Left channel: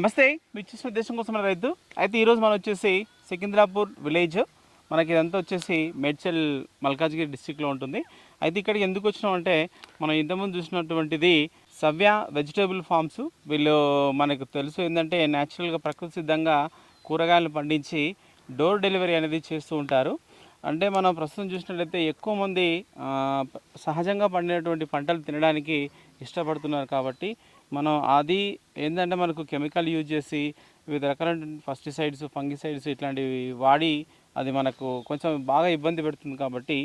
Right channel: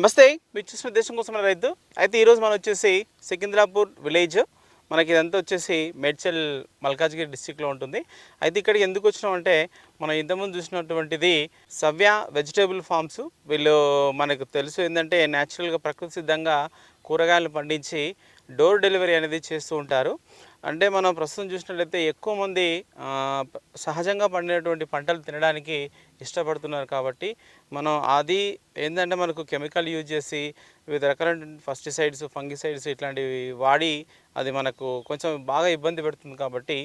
నమస్తే, మీరు చూసిన దేశం కోసం రైతు. అయితే ఈరోజు మనం వచ్చేసి సికింద్రాపూర్ విలేజ్, మనకి ఇదంతా వచ్చేసి మేడ్చల్ మల్కాజ్గిరి డిస్టిక్లో ఉంటుంది. అయితే ఇక్కడికి ఎందుకు వచ్చినాం అంటే, మనం ఇంతకుముందు చూసినటువంటిది సవ్య వెజిటేబుల్ ఫార్మ్స్. వీళ్ళు మనకు తెలుసు ఏంటంటే న్యాచురల్గా ప్రకృతి సిద్ధంగా కూరగాయలు పండించి డోర్ డెలివరీ అనేది చేస్తూ ఉంటారు. అంటే మనం ప్రస్తుతం చూసినట్లయితే ఎక్కువ మంది సహజంగా పండినటువంటి పంటలు తినడానికి ఇష్టపడుతున్నారు. కాబట్టి మనం అది ఏంటంటే మనకు కెమికల్ యూజ్ చేసి వివిధ రకాల పెస్టిసైడ్స్, ఫంగిసైడ్స్ ఇట్లాంటివి వాడి అది మనకు కొంచెం బాగా ఇబ్బంది పెడుతుంది. కాబట్టి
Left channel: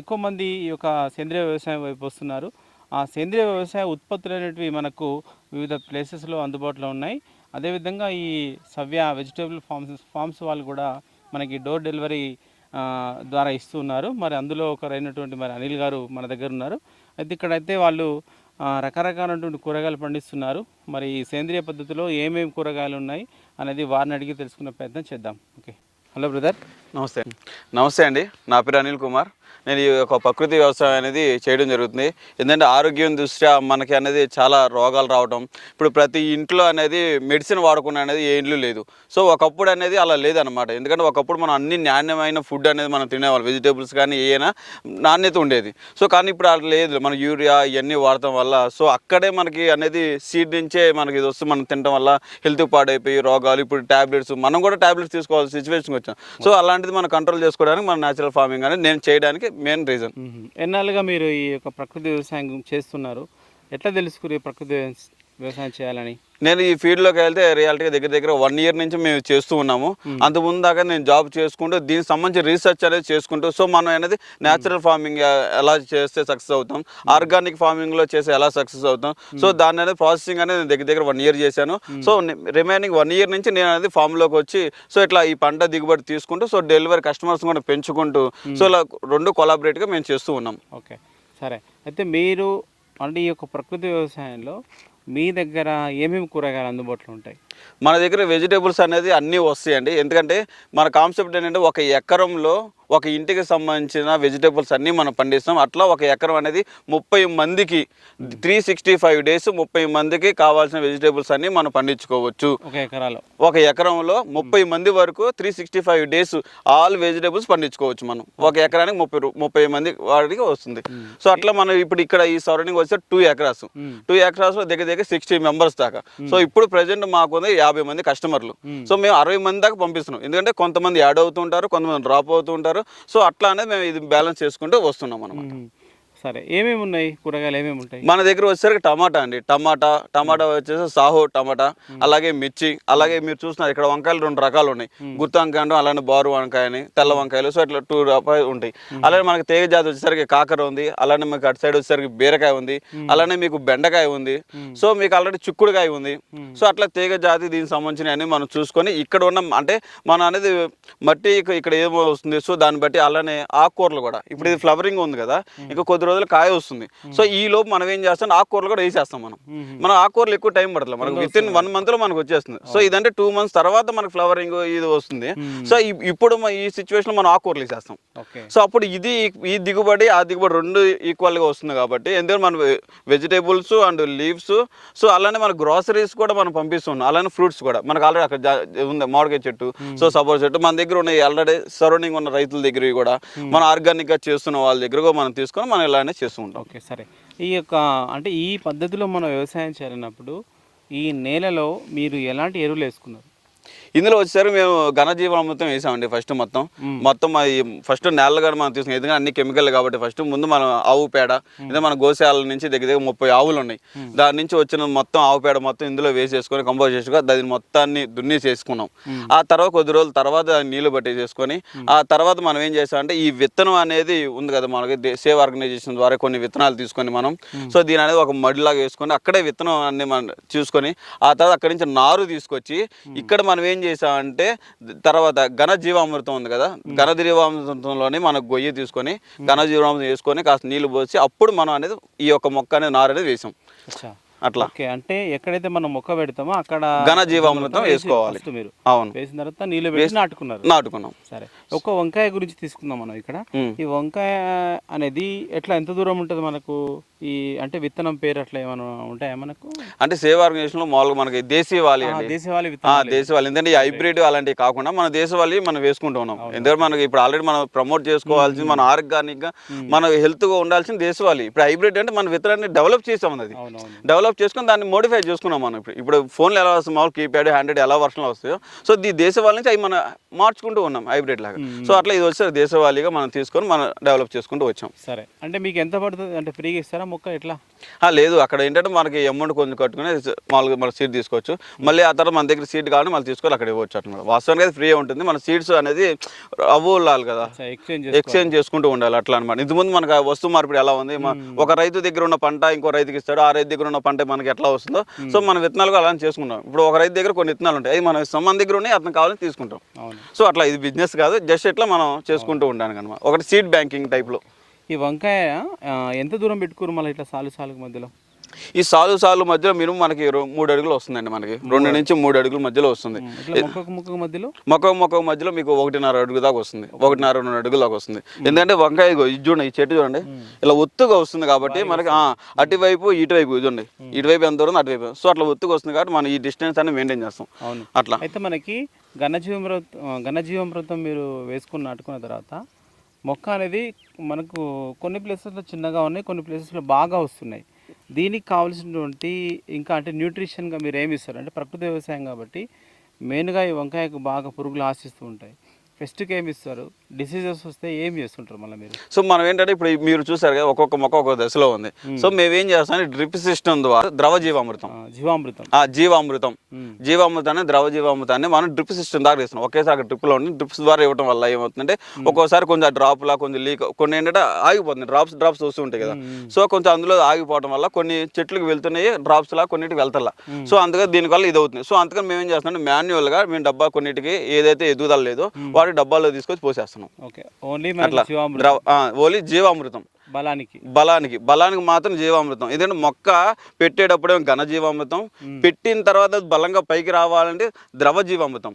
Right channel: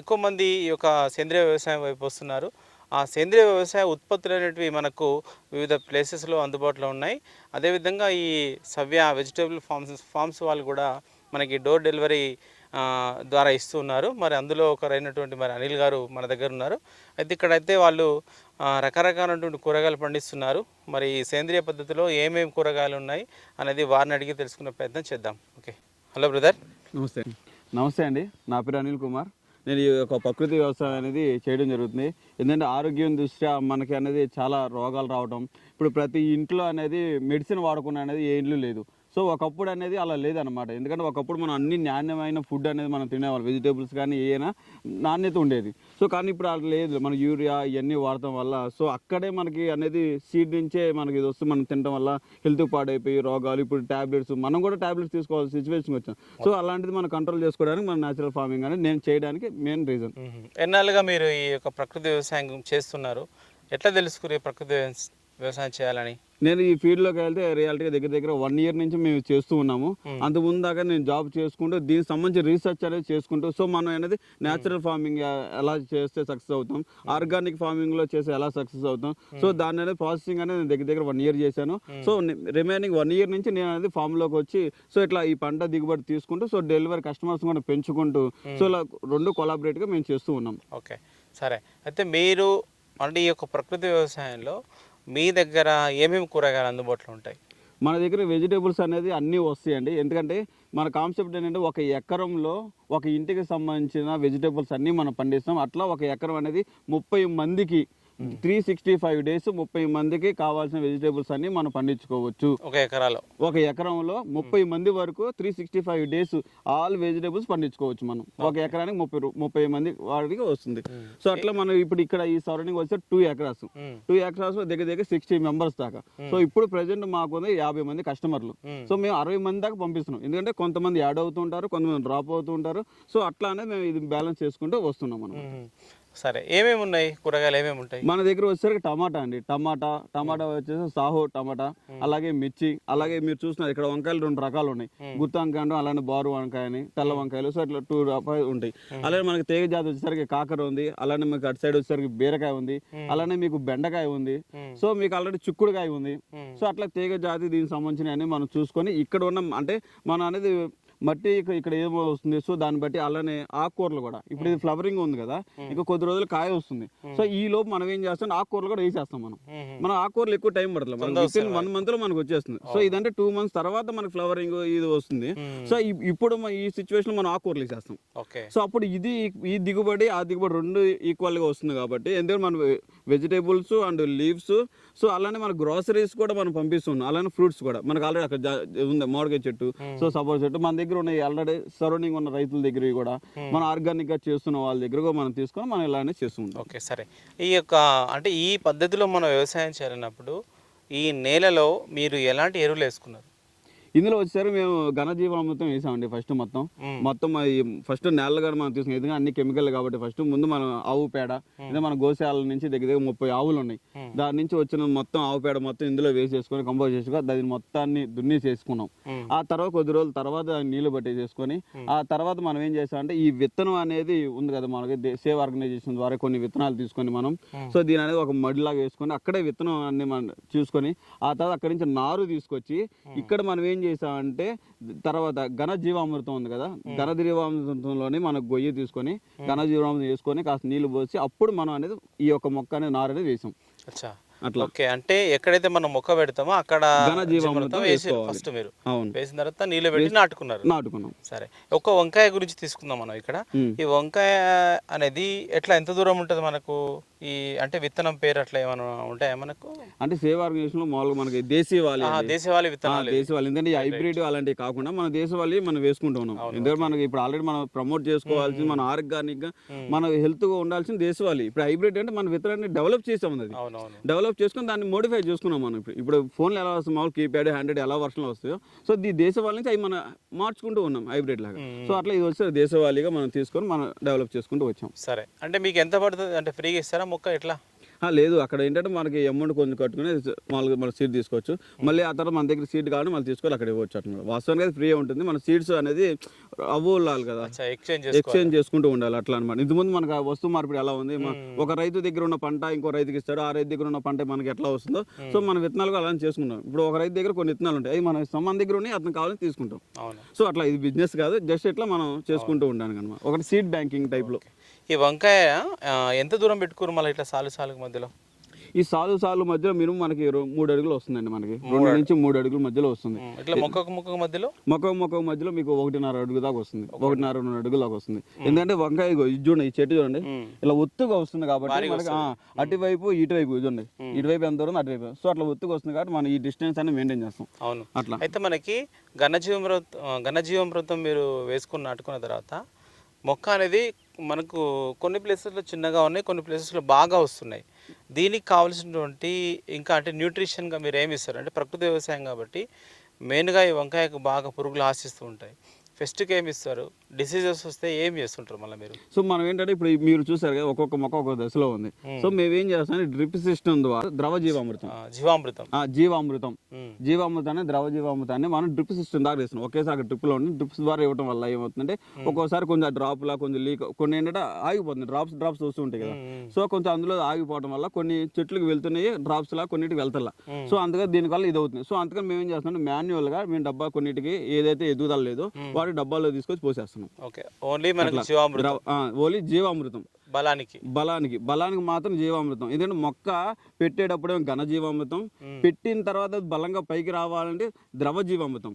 ఎక్కువ మంది ఈ యొక్క సేంద్రియ వ్యవసాయం వైపు వస్తున్నారు. ఆ సేంద్రియ వ్యవసాయ ఉత్పత్తులు అనేటివి మనకు వివిధ ప్లేసెస్లో అందుబాటులో ఉన్నాయి. అదేవిధంగా ఈ సవ్య వెజిటేబుల్ ఫార్మ్స్ వాళ్ళు కూడా మనకి డోర్ డెలివరీ ద్వారా ఇస్తున్నారు. మరి అందులో ఒకరైనటువంటి మరి అనిల్ గారు మన దగ్గర ఉన్నారు. అయితే ఇక్కడైతే వాళ్ళు రకరకాలైనటువంటి కూరగాయలు పండిస్తున్నారు. మరి ఈ సేంద్రియ పద్ధతిలో ఏమేమి కూరగాయలు ఉన్నాయి అనేది వారిని అడిగి తెలుసుకునే ప్రయత్నం చేద్దాం. Okay, hello brother. నమస్తే అండి. నా పేరు అనిల్ కుమార్. నేను ఈ యొక్క ప్రకృతి వ్యవసాయం అనేది చేయడం జరుగుతుంది. ఎందుకంటే ఆరోగ్యం దృష్ట్యా మనకి అనేది చాలా రోగాలు రావడం, ఇప్పుడు ప్రతి ఇంట్లో అనేది మెడిసిన్ వాడకుండా అనేది ఏ ఇంట్లో లేదు. సో ఒకప్పుడు అనేది అలా లేదనమాట. ఎందుకంటే ఒకప్పుడు మనం అన్ని నాణ్యమైన ఫుడ్ అనేది మనం తినేవాళ్ళం, వెజిటేబుల్స్ కానీ ఏమైనా నాణ్యత ఉండేది. సో కానీ ఇప్పుడు అలా లేదు, మన యూరియా ఇవన్నీ వాడటం వల్ల సో అక్కడే మనకి అనేది సీడ్ నుంచే మనకి ఇది వస్తే మనం తినడం వల్ల హెల్త్ పాడైపోయి రోగాలు, ఇప్పుడు ట్యాబ్లెట్స్, మనం కూడా ట్యాబ్లెట్స్ తీసుకోవాల్సిన సిచ్యువేషన్కి వచ్చాం. సో అలాంటిది మనం కంట్రోల్ చేసుకోవడానికి మన న్యాచురల్ ఫార్మింగ్ అనేది నేను చేయడానికి మెయిన్ రీజన్. ఎన్నాళ్ళుగా మీరు ఈ యొక్క ప్రకృతి వ్యవసాయం చేస్తున్నారు? ఎట్లా తెలుసుకుని ప్రకృతి వ్యవసాయం చేయాలని? నేను ఈ ఫీల్డ్లోకి వెళ్తే రియాలిటీగా దగ్గర 1 year నుంచి మేము చేస్తూ ఉన్నాము. అంతకుముందు దాకా నేను జాబ్ చేసుకుంటూ దీనికి సంబంధించి రీసెర్చ్ అనేది చేసుకుంటూ, సో మనం అనేది న్యాచురల్ ఫార్మింగ్ ఎలా చేస్తే సక్సెస్ అవుతాం, ఆర్గానిక్ ఫార్మింగ్లో చేస్తే ఎలా సక్సెస్ అవుతాం, సో దాని అనేది ప్రాసెసింగ్ అనేది నేను దగ్గర 1 year చేశాను. సో రిమైనింగ్ 1 year నుంచి నేను అనేది ఫామ్లోకి వచ్చి సో ఇట్లా ఈ పంట దిగుబడి తీసుకుంటూ సో డెలివరీ కస్టమర్స్ కూడా పెంచుకుంటూ సో ఇలా రెండు కొలాబరేట్గా మేము చేస్తూ ఉన్నాం. ఓకే, సరే. అయితే మీరు అంటే ఈ యొక్క ప్రకృతి వ్యవసాయంలో మీ దగ్గర ఏమేమి కూరగాయలు అందుబాటులో ఉంటాయి? మన దగ్గర వెజిటేబుల్స్ అనేది అన్నీ వస్తాయండి. ఎందుకంటే మన కాన్సెప్ట్ ఏంటంటే ఒక ఎకరంలో ఒక ఇంటికి సంబంధించిన వెజిటేబుల్స్ అన్నీ మనం పండిస్తాం. అట్లా ఒక ఎకరం అనేది 30 మందికి 365 days 30 మందికి కావాల్సిన వెజిటేబుల్స్ అన్నీ మనం పండించుకోవచ్చు. ఒక ఎకరంలో 30 మంది వరకు 365 days ఆల్ వెజిటేబుల్స్ పండించుకోవచ్చు మనం. ఒక ఎకరానికి 30 మంది వాడికి వస్తుంది. సో అట్లా మనం ఇప్పుడు ఇక్కడ ఈ సరౌండింగ్ వస్తే 2 acres, 2 acres లో దగ్గర 60 members దాకా. సో ఇప్పుడు ప్రజెంట్ మాకు 50 మంది కస్టమర్లు. సో మేము 60 మంది దాకా పంపిస్తున్నాం. ఎందుకంటే కొంతమంది యాడ్ అవుతుంటారు, కొంతమంది డ్రాప్ అవుతుంటారు. సో అట్లా అనేది మేము ఇది బ్యాలెన్స్ చేసుకుంటూ వస్తున్నాం అన్నమాట. సరే, ఏమేమి ఉన్నాయి కూరగాయలు, ఏమేమి ఉంటాయి మన దగ్గర? వచ్చేసరికి టమాటా అండి. టమాటా వచ్చేసి సాహో టమాటా, అలాగే మిర్చి, అలాగే మీరు చూస్తున్నారు ఇక్కడ వంకాయలు 2 రకాలు ఉన్నాయి. గుత్తి వంకాయ అంటాం, అలానే బారు వంకాయ అని, తెల్ల వంకాయలు. సో ఇట్లా 2 రకాలు ఉంటాయి. అలానే మనకి తీగ జాతి వచ్చేసరికి కాకర ఉంది, అలానే మీకు అటు సైడ్ వచ్చేసరికి బీరకాయ ఉంది, అలానే మీకు బెండకాయ ఉంది, సో మీకు ఆల్రెడీ చిక్కుడుకాయ ఉంది. సో అట్లా తీగ జాతి దీనికి సంబంధించిన అన్ని మనం చూసుకొని ఇక్కడ ఉన్న అంటే మన అనేది మట్టి ఇక్కడ ఏమో వస్తుంది. సో దాన్ని బట్టి అలానే ఆకుకూరలు కూడా ఇప్పుడు ఇది ఫ్లవరింగ్ ఉంది కదా, ఇంకా కొద్ది రోజులు కాయ వస్తుంది. సో ఈ లోపు మనం ఏం చేస్తాం, ఆకుకూరలు కూడా వేసేస్తాం. మనం ఆకుకూరలు ఎక్కువ టైం పడుతుంది, మనకు వితిన్ 1 month లో మనకు వచ్చేస్తుంది. సో ఇదంటే 2 months తర్వాత మనకు ఫ్లవరింగ్ ఇది వస్తుంది. సో ఇప్పుడు ఈ సిచ్యువేషన్ లో మనం ఆకుకూరలు వేసేస్తాం. సో అప్పుడు ఈ దిగుబడి ఆ దిగుబడి 2 ఈక్వల్ గా వస్తుంది. కాబట్టి ఎందుకంటే మన వెజిటేబుల్స్ అండ్ లీవ్స్, సో అలానే మన గ్రాసరీస్ కూడా మనం పంపిస్తున్నాం. అలానే ఫ్రూట్స్ కూడా మనకు ఆల్రెడీ అక్కడ ఉంది మామిడికాయ చెట్టు, సో సపోటా చెట్టు మన దగ్గర ఉన్నాయి. ఆల్రెడీ సరౌండింగ్ ఉన్న రైతుల దగ్గర కూడా మనం ఆర్గానిక్ గా చేస్తున్న వాళ్ళ దగ్గర కూడా మనం తీసుకొని మనం ఇలానే చేస్తూ ఉంటాం. ఓకే, సరే. ఈ యొక్క అంటే ఈ పద్ధతిలో మనం వ్యవసాయం చేరినప్పుడు ఈ నేలలో మీరు ఎలాంటి ఎరువులు వేసుకున్నారు? ఇందులో వచ్చేసరికి మేము ఘనజీవామృతం వేసామండి. మొత్తం ఫస్ట్ నేల కూడా మనం తీసుకున్నాం. ఎందుకంటే అన్ని కెమికల్ కాబట్టి ఫస్ట్ ముందు మనం ఆవు పేడ, ఇదే మన గోశాల నుంచి దగ్గర 30 ఆవులు ఉన్నాయి. దాని నుంచి వచ్చిన మొత్తం ఆవు పేడ మొత్తం ఇందులో వేసేసుకొని కంపోజ్ చేసుకొని దాన్ని మొత్తాన్ని దున్ని చేసుకున్నాం. ఆ తర్వాత కొద్ది రోజుల తర్వాత నీళ్లు పట్టేసుకొని ఆ తర్వాత మనం ఏం చేసామంటే ఈ విత్తనం అనేది ఉంది కదా, మనకి సేవ్ ఆర్గనైజేషన్ ద్వారా కొన్ని విత్తనాలు తీసుకొని మనం సో దీని అనేది ఒక మడిలాగా వేసుకొని అక్కడే విత్తనం అన్ని మనం చూసుకొని ఆ తర్వాత అక్కడి నుంచి నారు తీసుకొచ్చి ఇక్కడ మనం ఏం చేసామంటే తర్వాత ఘనజీవామృతం ఉంది కదా, ఘనజీవామృతంలోని మనకు గొయ్యి తీసుకొని ఘనజీవామృతం వేసుకొని కాస్త నీళ్లు పోసి అప్పుడు మనం అనేది ఈ యొక్క మొక్క అనేది నారు అనేది వేసాం. అట్లా అంటే ఎక్కడైతే మనం మొక్క పెడతామో అక్కడ ఘనజీవామృతం వేసుకోవాలి. అవును, వేసిన తర్వాత నీళ్ళు వేసి నాటుకున్నాం. సరే, ఒక వంకాయ గురించి తీసుకుందాం మనం. ఇక్కడ ఈ వంకాయ అనేది ఎట్లా ఎంత దూరం ఉంటుంది మనకు ఈ అంటే విత్తనం పేరు అట్లా ఏమైనా ఉంటాయా మనకు? అంటే సేవ్ ఆర్గనైజేషన్లో మామూలుగా మనకి దేశీవాలి అండి. దేశవాళీ విత్తనాలు. దేశవాళీ ఎందుకంటే ఈ హైబ్రిడ్ అలాంటివి కాకుండా మన దేశవాళీ మనం వేసుకుంటూ ఉన్నాం. ఎందుకంటే మనకి ఇప్పుడు ఆల్రెడీ మనం ప్రమోట్ చేసుకోవాల్సింది మన ఆర్గానిక్గా మన హెల్త్గా ఉండాల్సిన దేశవాళీ. ఇప్పుడు హైబ్రిడ్ అంటే మన విత్తనాన్ని డెవలప్ చేసాం, అది డెవలప్ చేసుకుని దాన్ని మోడిఫై చేసుకున్నాం మనం. ఇప్పుడు ఫోన్లు ఎలా వస్తుంది మామూలు కీప్యాడ్ హ్యాండ్రెడ్ ఎలా వర్షన్లో వస్తాయో, సో ఈ దేశవాళీ నుంచి అవి మనం మార్చుకుంటూ ఉన్నాం హైబ్రిడ్ లాగా. సో అట్లా ఇది వచ్చే దేశవాళీగా మనం తీసుకొని మనం డెవలప్ చేసుకుంటూ వచ్చాం. సరే, అంటే మీకు ఎంత పడుతుంది? అంటే ఫ్రీగా ఇస్తారా మొక్క ఎట్లా? లేదు, అక్కడ ఏంటంటే మనకి అమౌంట్ కొంచెం కట్టుకుని మామూలుగా మన సీడ్ తీసుకోవచ్చు. మళ్ళీ ఆ తర్వాత మన దగ్గర సీడ్ కావాలి మళ్ళీ తీసుకొని అక్కడ ఇవ్వచ్చు అన్నమాట. వాస్తవానికి అది ఫ్రీ ఉంటుంది. మన సీడ్స్ అనేది అవ్వాలి కదా, ఎక్స్చేంజ్ చేసుకుంటూ ఉండాలి అట్లా అనమాట. ఇంతకుముందు మనకు వస్తు మార్పిడి ఎలా ఉంది, ఒక రైతు దగ్గర ఉన్న పంట ఇంకో రైతుకి ఇస్తాడు, ఆ రైతు దగ్గర ఉన్న పంట మనకి ఎట్లా వస్తుందో, సో మన విత్తనాలు అలా చేసుకుంటాం. ఇప్పుడు ఒక రైతు దగ్గర కొన్ని విత్తనాలు ఉంటాయి, అది మన మన దగ్గర ఉన్నాయి, అతను కావాలని తీసుకుంటాం. సో అట్లా ఇది బిజినెస్ కాదు, జస్ట్ ఇట్లా మనం చేసుకుంటూ ఉంటాను అనమాట. ఒకటి సీడ్ బ్యాంకింగ్ టైప్లో. ఈ వంకాయ ఎంత దూరం పెట్టుకోరు మళ్ళీ ఇట్లా సాలుకి మధ్యలో? ఈ సాలు మధ్యలో మినిమం మనకి 3 అడుగులు వస్తుందండి. మనకి 2 నుంచి 3 అడుగుల మధ్యలో వస్తుంది. మొక్క మధ్యలో మీకు 1.5 అడుగు దాకా వస్తుంది, 1.5-2 అడుగుల దాకా వస్తుంది. ఎందుకంటే వంకాయ ఇది చూడండి, ఈ చెట్టు చూడండి ఇలా ఒత్తుగా వస్తుంది కాబట్టి మనకి అటువైపు ఇటువైపు చూడండి, ఇటువైపు ఎంత దూరం అటువైపు, సో అట్లా ఒత్తుగా వస్తుంది కాబట్టి మనం ఈ డిస్టెన్స్ అనేది మెయింటైన్ చేస్తాం అట్లా. అయితే మనకి ఘనజీవామృతం మీరు వేసుకుని నాటుకున్న తర్వాత మొక్క అనేది మనకు కొన్ని ప్లేసెస్లో చిన్నగా ఉన్నాయి, కొన్ని ప్లేసెస్లో బాగా వస్తున్నాయి. దీనికి కావాల్సినటువంటి ఇంకా అంటే న్యూట్రిషన్గా మీరు ఏమి ఇస్తారు? అంటే ప్రకృతి వ్యవసాయం కాబట్టి మెయిన్గా ఈ వంకాయకు బాగా పురుగులు ఆశిస్తూ ఉంటాయి. ఫెస్ట్కి ఏమి ఇస్తారు? డిసీజెస్ వస్తే ఏమి చేస్తుంటారు మళ్ళీ మీరు? సో మనం ఏంటంటే ఇప్పుడు మీరు చూసారు కదా, ఒక్కొక్క మొక్క ఒక్కొక్క దశలో ఉంది. సో మేము ఏం చేస్తాం, డ్రిప్ సిస్టమ్ ద్వారా ద్రవ జీవామృతాన్ని ద్రవ జీవామృతాన్ని మనం డ్రిప్ సిస్టమ్ దాకా ఇస్తున్నాం. ఒకేసారి డ్రిప్లో ఉండి డ్రిప్స్ ద్వారా ఇవ్వడం వల్ల ఏమవుతుందంటే ఒక్కోసారి కొంచెం డ్రాప్లా కొంచెం లీక్, కొన్ని ఏంటంటే ఆగిపోతుంది, డ్రాప్స్ వస్తూ ఉంటాయి కదా. సో కొంచెం అందులో ఆగిపోవడం వల్ల కొన్ని చెట్లకు వెళ్తున్నాయి, డ్రాప్స్ లా కొన్నిటికి వెళ్తారా. సో అందుకని దీనివల్ల ఇది అవుతుంది. సో అందుకని మేము ఏం చేస్తున్నాం, మాన్యువల్గా మేము డబ్బా కొన్నిటికి ఏదైతే ఎదుగుదల లేదో వాటి డబ్బాలో తీసుకొచ్చి పోసేస్తున్నాం. ఓన్లీ జీవామృతం బలానికి మాత్రం జీవామృతం. ఎందుకంటే మొక్క పెట్టేటప్పుడే ఘన జీవామృతం, పెట్టిన తర్వాత బలంగా పైకి రావాలంటే ద్రవ జీవామృతం.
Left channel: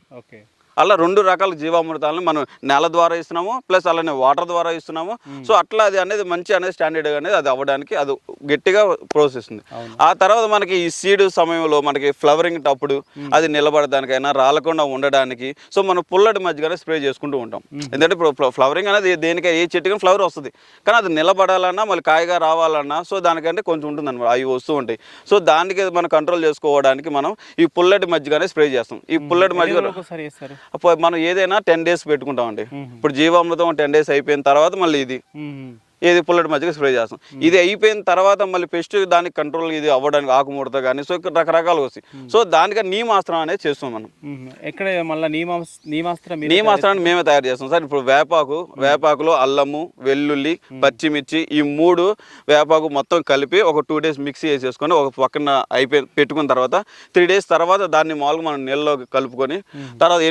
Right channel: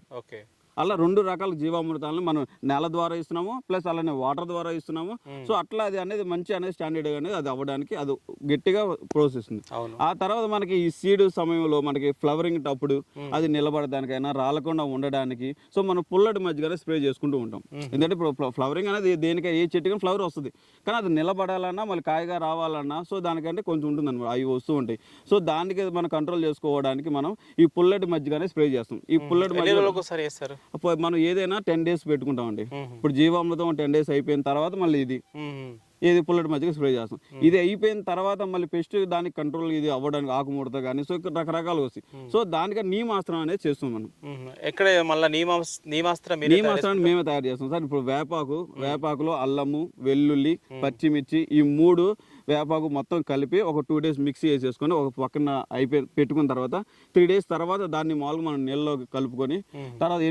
అలా 2 రకాల జీవామృతాలను మనం నేల ద్వారా ఇస్తున్నాము, ప్లస్ అలానే వాటర్ ద్వారా ఇస్తున్నాము. సో అట్లా అది అనేది మంచి అనేది స్టాండర్డ్ అనేది అది అవ్వడానికి అది గట్టిగా ప్రాసెస్ ఉంది. ఆ తర్వాత మనకి ఈ సీడ్ సమయంలో మనకి ఫ్లవరింగ్ అప్పుడు అది నిలబడడానికైనా రాలకుండా ఉండడానికి సో మనం పుల్లటి మధ్యగానే స్ప్రే చేసుకుంటూ ఉంటాం. ఎందుకంటే ఇప్పుడు ఫ్లవరింగ్ అనేది దేనికైనా ఏ చెట్టుకైనా ఫ్లవర్ వస్తుంది, కానీ అది నిలబడాలన్నా మళ్ళీ కాయగా రావాలన్నా సో దానికంటే కొంచెం ఉంటుంది అనమాట, అవి వస్తూ ఉంటాయి. సో దానికి మనం కంట్రోల్ చేసుకోవడానికి మనం ఈ పుల్లటి మధ్యగానే స్ప్రే చేస్తాం. ఈ పుల్లటి మధ్య మనం ఏదైనా 10 days పెట్టుకుంటామండి. ఇప్పుడు జీవామృతం 10 days అయిపోయిన తర్వాత మళ్ళీ ఇది పుల్లటి మధ్యగా స్ప్రే చేస్తాం. ఇది అయిపోయిన తర్వాత మళ్ళీ పెస్ట్ దానికి కంట్రోల్ ఇది అవ్వడానికి ఆకుముడత కానీ సో ఇక్కడ రకరకాలు వస్తాయి. సో దానికని నీమాస్త్రం అనేది చేస్తాం మనం. ఎక్కడ మళ్ళీ నీమాస్త్రాన్ని మేమే తయారు చేస్తాం సార్. ఇప్పుడు వేపాకులో అల్లము, వెల్లుల్లి, పచ్చిమిర్చి ఈ 3 వేపాకు మొత్తం కలిపి ఒక 2 days మిక్సీ చేసేసుకొని ఒక పక్కన పెట్టుకున్న తర్వాత 3 days తర్వాత దాన్ని మామూలుగా మనం నీళ్ళలో కలుపుకొని తర్వాత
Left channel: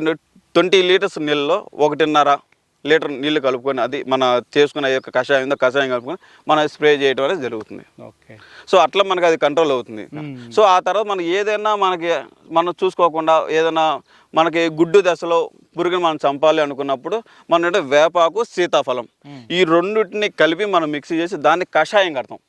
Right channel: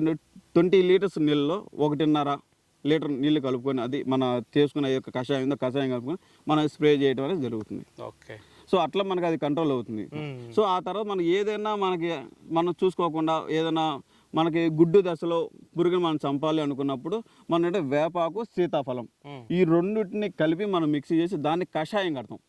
20 liters నీళ్ళలో 1.5 లీటర్ నీళ్ళు కలుపుకొని అది మన చేసుకున్న యొక్క కషాయం కలుపుకొని మనం స్ప్రే చేయడం అనేది జరుగుతుంది. సో అట్లా మనకి అది కంట్రోల్ అవుతుంది. సో ఆ తర్వాత మనం ఏదైనా మనం చూసుకోకుండా ఏదైనా మనకి గుడ్డు దశలో పురుగుని మనం చంపాలి అనుకున్నప్పుడు మనం అంటే వేపాకు, సీతాఫలం ఈ రెండింటిని కలిపి మనం మిక్సీ చేసి దాన్ని కషాయం కడతాం.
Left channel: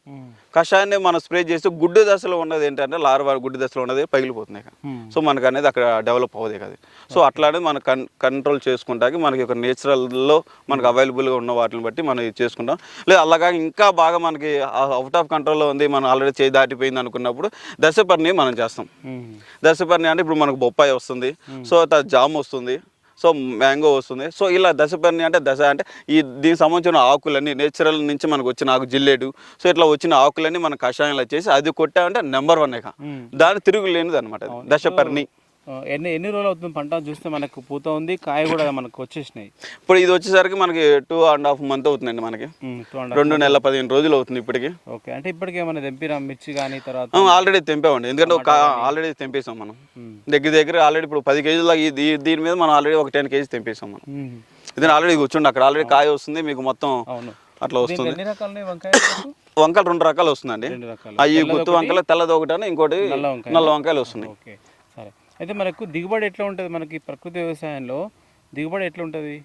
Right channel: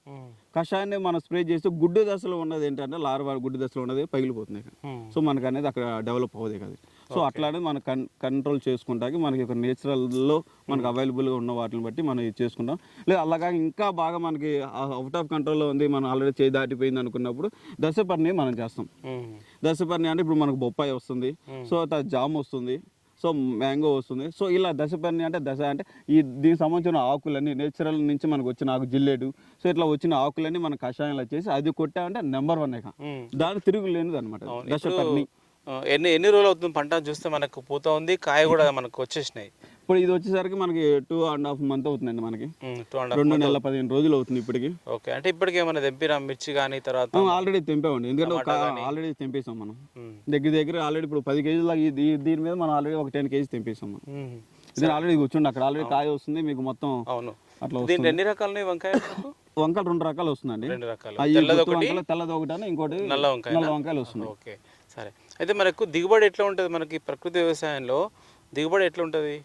కషాయాన్ని మనం స్ప్రే చేసి గుడ్డు దశలో ఉన్నది ఏంటంటే లార్వా గుడ్డు దశలో ఉన్నది పగిలిపోతున్నాయి. సో మనకు అనేది అక్కడ డెవలప్ అవ్వదు కదా. సో అట్లానే మనం కంట్రోల్ చేసుకుంటానికి మనకి ఒక నేచురల్లో మనకు అవైలబుల్గా ఉన్న వాటిని బట్టి మనం ఇది చేసుకుంటాం. లేదా అలాగా ఇంకా బాగా మనకి అవుట్ ఆఫ్ కంట్రోల్లో ఉంది, మనం ఆల్రెడీ చేయి దాటిపోయింది అనుకున్నప్పుడు దశపర్ణి మనం చేస్తాం. దశపర్ణి అంటే ఇప్పుడు మనకు బొప్పాయి వస్తుంది, సో జామ్ వస్తుంది, సో మ్యాంగో వస్తుంది. సో ఇలా దశపర్ణి అంటే దీనికి సంబంధించిన ఆకులన్నీ నేచురల్ నుంచి మనకు వచ్చిన ఆకు జిల్లేడు, సో ఇట్లా వచ్చిన ఆకులన్నీ మనం కషాయంలో చేసి అది కొట్టామంటే నెంబర్ 1 దాని తిరుగులేనిది అనమాట దశపర్ణి. ఎన్ని రోజులు అవుతుంది పంట చూస్తే? మనకు పూత ఉంది, కాయ కూడా మనకు వచ్చేసినాయి. ఇప్పుడు ఇది వచ్చేసరికి మనకి 2.5 months అవుతుందండి. మనకి 2 నెలల 15 రోజులు అవుతుంది ఇప్పటికి. ఓకే, అంటే ఇప్పటికే ఏమైనా తెంపిరా మిర్చి కానీ? తర్వాత ఆల్రెడీ తెంపామండి, ఎందుకంటే ఆల్రెడీ తెంపేసాం మనం. దగ్గర ఆల్రెడీ ఇప్పుడు 10 kgs దీని మీద మనం ఆల్రెడీ ఒక 10 kgs తెంపేసాం మనం. ఇది ఆల్రెడీ కూర్చోండి అక్కడ ఆల్రెడీ కాయ వస్తుంది మీకు మొత్తం అట్లా వస్తుంది. ఎన్ని రకాలు వంకాయలు 2 రకాలు వస్తుందండి. అవి గుత్తు వంకాయలు, తెల్లది ఒకటి, ఇంకోటి నల్ల వంకాయలు వస్తున్నాయి. సరే, అయితే మనకు దిగుబడి ఎట్లా ఉంటుంది? మనకి ప్రకృతి వ్యవసాయంలో దిగుబడి ఎట్లా ఉంటుంది?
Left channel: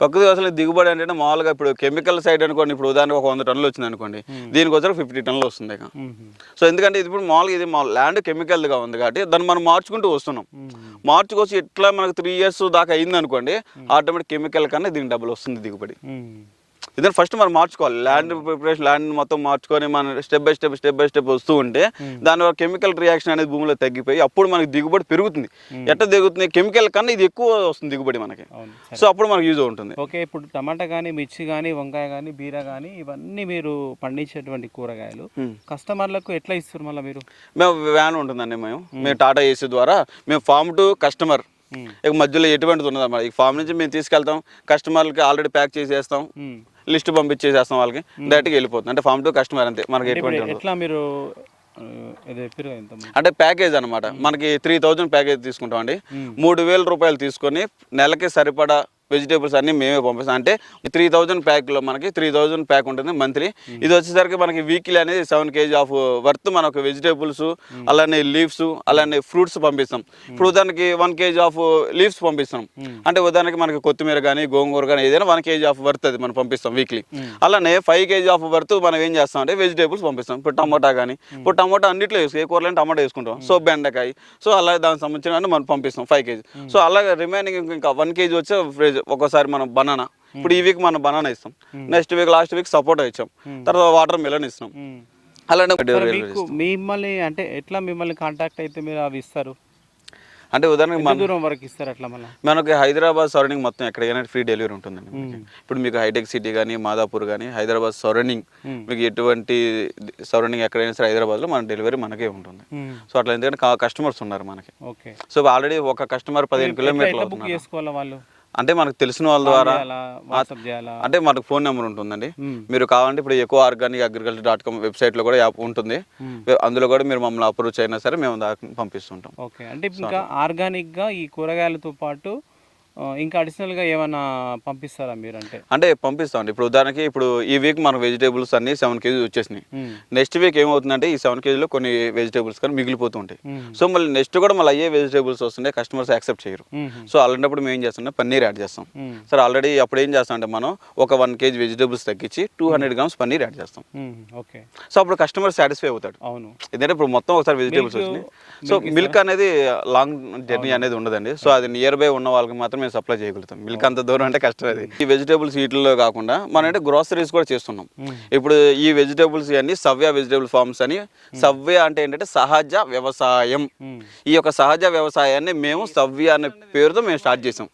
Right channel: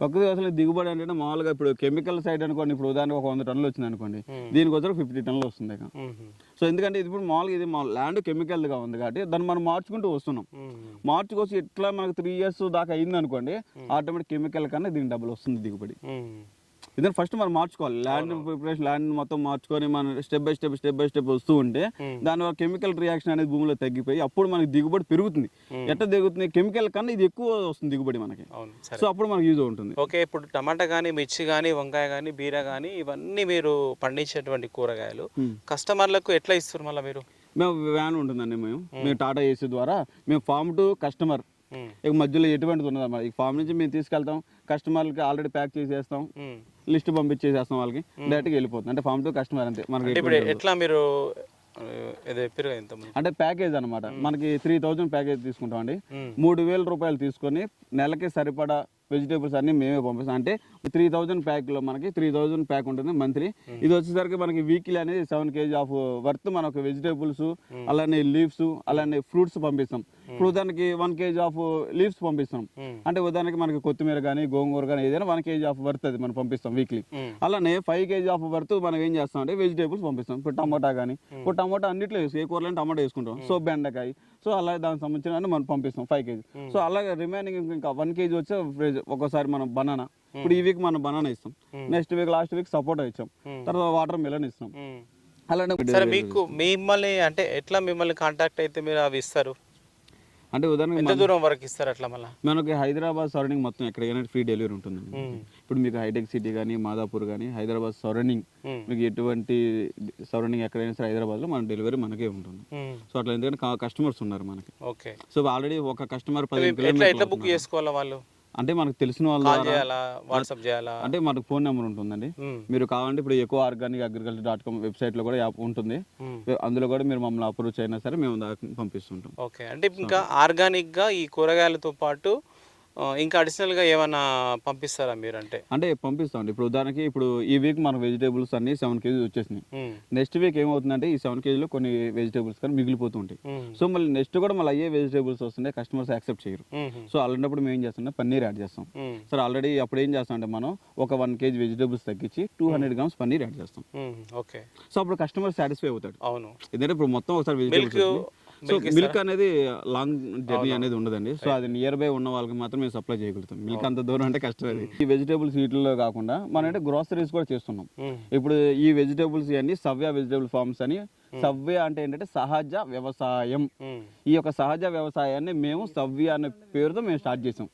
ప్రకృతి వ్యవసాయంలో దిగుబడి అంటే మామూలుగా ఇప్పుడు కెమికల్ సైడ్ అనుకోండి, ఇప్పుడు ఉదాహరణకు ఒక 100 టన్నులు వచ్చింది అనుకోండి, దీనికి వచ్చి 50 టన్నులు వస్తుంది ఇక. సో ఎందుకంటే ఇది ఇప్పుడు మామూలుగా ఇది మా ల్యాండ్ కెమికల్గా ఉంది కాబట్టి దాన్ని మనం మార్చుకుంటూ వస్తున్నాం. మార్చుకొచ్చి ఇట్లా మనకు 3 years దాకా అయింది అనుకోండి, ఆటోమేటిక్ కెమికల్ కన్నా దీనికి డబ్బులు వస్తుంది దిగుబడి. ఇదని ఫస్ట్ మనం మార్చుకోవాలి, ల్యాండ్ ప్రిపరేషన్, ల్యాండ్ మొత్తం మార్చుకొని మనం స్టెప్ బై స్టెప్ వస్తూ ఉంటే దానివల్ల కెమికల్ రియాక్షన్ అనేది భూమిలో తగ్గిపోయి అప్పుడు మనకి దిగుబడి పెరుగుతుంది. ఎట్లా దిగుతుంది? కెమికల్ కన్నా ఇది ఎక్కువ వస్తుంది దిగుబడి మనకి. సో అప్పుడు మనకు యూజ్ ఉంటుంది. ఓకే, ఇప్పుడు టమాటా కానీ, మిర్చి కానీ, వంకాయ కానీ, బీర కానీ, ఇవన్నీ మీరు పండించేటువంటి కూరగాయలు కస్టమర్లకు ఎట్లా ఇస్తారు మళ్ళీ మీరు? మేము వ్యాన్ ఉంటుందండి, మేము టాటా ఏసీ ద్వారా మేము ఫార్మ్ టు కస్టమర్, ఇక మధ్యలో ఎటువంటిది ఉన్నది అన్నమాట. ఈ ఫామ్ నుంచి మేము తీసుకెళ్తాం, కస్టమర్లకి ఆల్రెడీ ప్యాక్ చేసేస్తాం, లిస్ట్ పంపించేసేస్తాం, వాళ్ళకి డైరెక్ట్గా వెళ్ళిపోతుంది. అంటే ఫామ్ టు కస్టమర్ అంతే. మనకి ఎట్లా మీరు అంటే ప్యాకేజ్ అనమాట. మనకి 3000 ప్యాకేజ్ తీసుకుంటాం అండి. 3000 రూపాయలు తీసుకొని నెలకి సరిపడా వెజిటేబుల్స్ అన్ని మేమే పంపిస్తాం. అంటే 3000 ప్యాక్లో మనకి 3000 ప్యాక్ ఉంటుంది మంత్లీ. ఇది వచ్చేసరికి మనకి వీక్లీ అనేది 7 kg ఆఫ్ వర్త్ మనకు వెజిటేబుల్స్, అలానే లీవ్స్, అలానే ఫ్రూట్స్ పంపిస్తాం. ఇప్పుడు ఉదాహరణకి 1 kg ఆఫ్ లీవ్స్ పంపిస్తాం. అంటే ఉదాహరణకి మనకి కొత్తిమీర కానీ, గోంగూర కానీ ఏదైనా 1 kg ఆఫ్ వర్త్ అది మనం పంపిస్తాం వీక్లీ. అలానే 5 kg ఆఫ్ వర్త్ మనం ఏం చేస్తాం అంటే వెజిటేబుల్స్ పంపిస్తాం. ఇప్పుడు టమాటా కానీ, ఇప్పుడు టమాటా అన్నింటిలో ఏ కూరలో టమాటా వేసుకుంటాం. సో బెండకాయ, సో అలాగే దానికి సంబంధించిన మనం పంపిస్తాం 5 kg. సో అలాగే రిమైనింగ్ ఇంకా 1 kg వచ్చే ఒక్కోసారి మనం బనానా, ఇప్పుడు ఈ వీక్ మనం బనానా ఇస్తాం, నెక్స్ట్ వీక్ లాస్ట్ వీక్ సపోటా ఇచ్చాం, తర్వాత వాటర్ మిలన్ ఇస్తాం. అలానే మిమ్మల్ని అంటే ఎట్లా మిమ్మల్ని కాంటాక్ట్ అయితే మీరు అవి ఇస్తారు? అంటే ఉదాహరణకి దూరం వరకు ఇస్తారు అట్లా మళ్ళీ? మనకి హైదరాబాద్ సరౌండింగ్ మొత్తం ఎక్కడికైనా ఫ్రీ డెలివరీ ఉంటుందండి. ఇప్పుడు మీకు హైటెక్ సిటీ కానీ, మాదాపూర్ కానీ, హైదరాబాద్ సరౌండింగ్, మీకు ఎటువంటి సరౌండింగ్ ఎక్కడైనా సరే హైదరాబాద్లో మన డెలివరీ మనకే ఉంటుంది. సో అట్లా ఎందుకంటే కస్టమర్స్ ఉన్నారు మనకి. ఓకే, సో ఆల్రెడీ ఒక కస్టమర్ 15 కిలోమీటర్లు బుక్ చేసుకోవాలి వాళ్ళు? అంటే మనకు తెలిసిన వాళ్ళ ద్వారా, అంటే మనకు ఫోన్ నెంబర్ ఉంటుందండి. మీరు కావాలంటే ఇప్పుడు ఎక్కువ ఆర్గానిక్ అగ్రికల్చర్.com వెబ్సైట్లో కూడా యాప్ ఉంటుంది. అందులో కూడా మీరు మమ్మల్ని అప్రోచ్ అయినా సరే మేము పంపిస్తుంటాం. ఓకే, అంటే ఇంకా ఆర్గానిక్గా ఈ కూరగాయలతో పాటు ఇంకా అడిషనల్గా ఏమైనా పంపిస్తారా మీరు? అంటే పంపిస్తామండి. ఇప్పుడు ఉదాహరణకి ఇప్పుడు ఈ వీక్ మన వెజిటేబుల్స్ అన్ని 7 kg వచ్చేసినాయి. నెక్స్ట్ వీక్ ఏమవుతుందంటే ఈ 7 kgలో కొన్ని వెజిటేబుల్స్ కానీ మిగిలిపోతుంటాయి. సో మళ్ళీ నెక్స్ట్ కూడా మళ్ళీ అయ్యే వెజిటేబుల్స్ వస్తుంటే కస్టమర్స్ యాక్సెప్ట్ చేయరు. సో అలాంటప్పుడు మేము ఏం చేస్తాం, పన్నీర్ యాడ్ చేస్తాం. సార్ ఆల్రెడీ అప్పుడు ఏం చేస్తాం అంటే మనం ఒక 1 kg వెజిటేబుల్స్ తగ్గించి 200 grams పన్నీర్ యాడ్ చేస్తాం. ఓకే, సో అప్పుడు కస్టమర్ సాటిస్ఫై అవుతాడు. అవును, ఎందుకంటే ఇప్పుడు మొత్తం ఒకసారి వెజిటేబుల్స్ వచ్చినాయి. సో మిల్క్ అనేది లాంగ్ జర్నీ అనేది ఉండదండి. సో అది నియర్ బై ఉన్న వాళ్ళకి మాత్రం మేము సప్లై చేయగలుగుతాం. మిల్క్ అంత దూరం అంటే కష్టం. అది ఈ వెజిటేబుల్స్ వీటిలో కాకుండా మనం అంటే గ్రోసరీస్ కూడా చేస్తున్నాం. ఇప్పుడు ఈ వెజిటేబుల్స్ అన్ని సవ్య వెజిటేబుల్ ఫార్మ్స్ అని. సవ్య అంటే ఏంటంటే సహజ వ్యవసాయం. ఈ యొక్క సహజ వ్యవసాయాన్ని మేము సవ్య అనే పేరుతో మేము స్టార్ట్ చేసాం.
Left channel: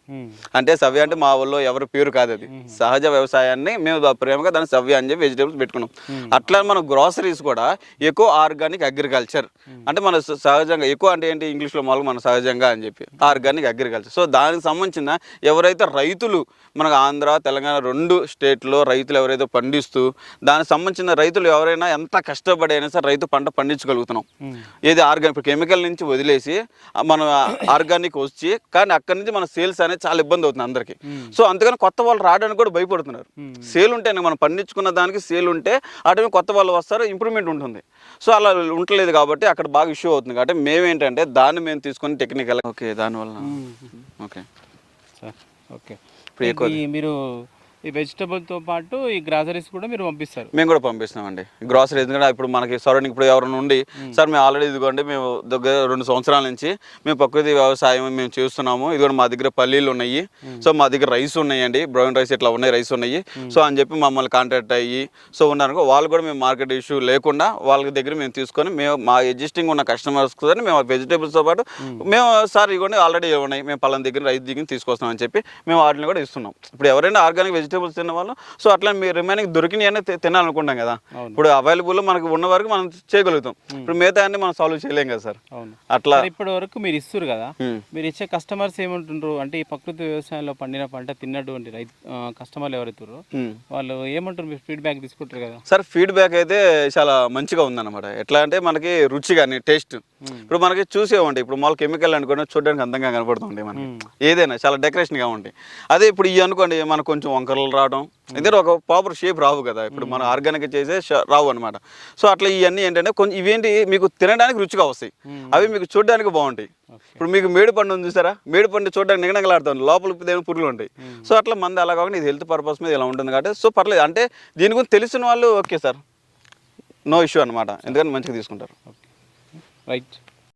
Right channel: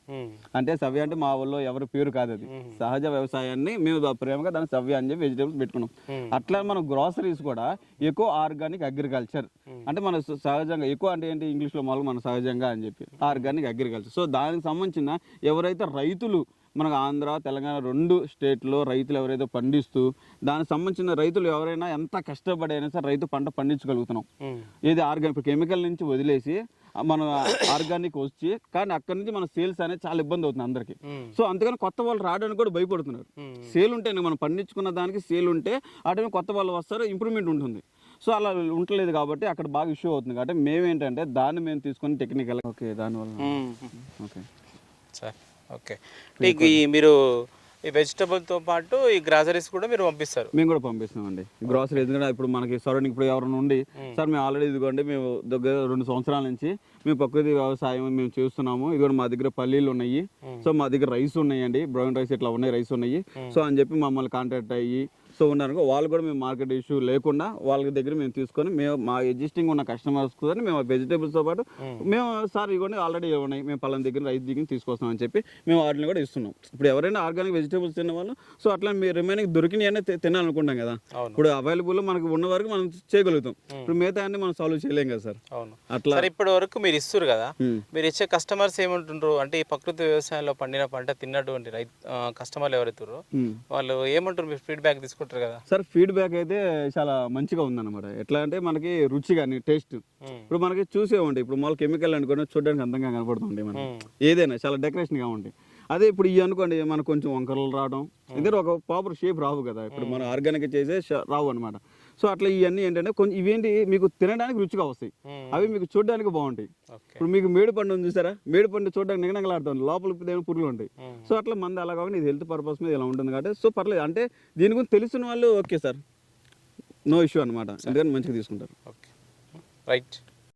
అంటే సవ్య అంటే మా ఊళ్ళో ఎవరి పేరు కాదు, అది సహజ వ్యవసాయాన్ని మేము ప్రేమగా దాన్ని సవ్య అని చెప్పి వెజిటేబుల్స్ పెట్టుకున్నాం. అట్లా మన గ్రోసరీస్ కూడా ఎక్కువ ఆర్గానిక్ అగ్రికల్చర్, అంటే మన సహజంగా ఎక్కువ అంటే ఏంటి ఇంగ్లీష్లో మామూలుగా మన సహజంగా అని చెప్పి ఆర్గానిక్ అగ్రికల్చర్. సో దానికి సంబంధించిన ఎవరైతే రైతులు మనకు ఆంధ్ర తెలంగాణ 2 స్టేట్లో రైతులు ఎవరైతే పండిస్తూ దానికి సంబంధించిన రైతులు ఎవరైనా ఎంత కష్టపడి అయినా సరే రైతు పంట పండించగలుగుతున్నాం. ఏది ఆర్గానిక్, ఇప్పుడు కెమికల్ నుంచి వదిలేసి మనం ఆర్గానిక్ వచ్చి కానీ అక్కడి నుంచి మన సేల్స్ అనేది చాలా ఇబ్బంది అవుతుంది అందరికీ. సో అందుకని కొత్త వాళ్ళు రావడానికి కూడా భయపడుతున్నారు. సేల్ ఉంటే మనం పండించుకున్న దానికి సేల్ ఉంటే అటు కొత్త వాళ్ళు వస్తారు, ఇంప్రూవ్మెంట్ ఉంటుంది. సో అలా ఉండలేదు కాబట్టి అక్కడ బాగా ఇష్యూ అవుతుంది. కాబట్టి మేమేంటంటే దాన్ని మేము తీసుకొని టెక్నికల్ ఓకే దానివల్ల ఓకే సార్. ఓకే, మీరు ఈ వెజిటబుల్తో పాటు ఈ గ్రాసరీస్ కూడా మీరు పంపిస్తారు? మేము కూడా పంపిస్తామండి గ్రాసరీ. ఎందుకంటే ఇప్పుడు మనకి సరౌండింగ్ ఇప్పుడు ఎవరైనా ఉండి సార్ మేము ఆల్రెడీ ఇదిగోండి మేము దగ్గర 2 సంవత్సరాల నుంచి మేము ప్రకృతి వ్యవసాయం మేము చేస్తున్నాము, ఇదిగోండి మా దగ్గర పల్లీలు ఉన్నాయి, సో మా దగ్గర రైస్ ఉన్నాయండి, బ్రౌన్ రైస్ ఇట్లా ఉన్నాయి, రైస్ ఉన్నాయి, సో అని చెప్పి మమ్మల్ని కాంటాక్ట్ అయ్యి సో ఉన్నారు. వాళ్ళు కూడా మేము మార్కెట్ ఇష్యూ లేకుండా వాళ్ళ దగ్గర మేము తీసుకొని మేము మా ఎగ్జిస్టింగ్ ఉన్న కస్టమర్స్ కూడా మేము వెజిటేబుల్స్తో పాటు మేము సార్ ఇవ్వండి ఆల్రెడీ ఉన్నాయి మేము పలానా దగ్గర రైతు దగ్గర తీసుకొస్తాం అని చెప్పి మేము వాటిని కూడా ఇస్తున్నాం. ఇప్పుడు ఎవరైనా ఆర్గానిక్ వెజిటేబుల్స్ తిన్న వాళ్ళు సో అట్లా మీరు రిమైనింగ్ దొరికినవి తినాలనుకుంటాం కదా, ఇప్పుడు అవైలబుల్ మనకు ఉన్న వరకు మనం చేయగలుగుతాం. ఇప్పుడు మిగతా అన్ని మనం సాల్వ్ చేయలేం కదా సార్. అట్లా ఇప్పటి వరకు మీరు ఇస్తారు కదా, మీరు ఇచ్చే కస్టమర్స్ ఏమంటుండ్రు అంటే ఈ ప్రకృతి వ్యవసాయంలో పండిన పంట తిన్నటువంటి కస్టమర్లు ఎవరైతారో వాళ్ళు ఏమంటారు? మీరు ఫీడ్బ్యాక్ తీసుకుంటారు కదా సార్? ఫీడ్బ్యాక్ అయితే చాలా మంచిగా ఉందన్నమాట. ఎట్లా అంటే మనకి రుచి కానీ టేస్ట్ ఇప్పుడు మనకి చూసేవండి. ఇప్పుడు మామూలు కెమికల్ అనుకోండి చూడడానికి అందంగా కనపడుతుంది, మనం ఏదైనా చాలా డెకరేషన్గా ఉంటాయి. అదే ఇప్పుడు ఇవి అనుకోండి మనకు కొంచెం వంకరలు కలర్ రావడం ఎందుకంటే ఒక ప్రాపర్ షేప్ రావు కదా ఇప్పుడు మనం ఆర్గానిక్ చేసే రావు అనమాట. సో అట్లా ఇవన్నీ ఏంటంటే కొంచెం ఇవేంటి మీకు తినడానికి రుచిగా వస్తాయి, అవి మీకు చూడడానికి బాగుంటాయి. ఇప్పుడు మీకు మేడి పండు ఉంది చూసారా, మేడి పండు చూడడానికి నిగనగలాడుతుంది, లోపల ఏమైనా పురుగులు ఉంటాయి. సో అట్లా మంది అలా కాకుండా ఇది హెల్త్ పర్పస్ మీద ఇలా ఉంటుంది కాబట్టి సో పర్లేదు. అంటే దీని గురించి తెలిసిన వాళ్ళు ఓకే సార్, నో ఇష్యూ అనమాట, ఎందుకంటే మంచిగా తీసుకుంటారు. రైట్.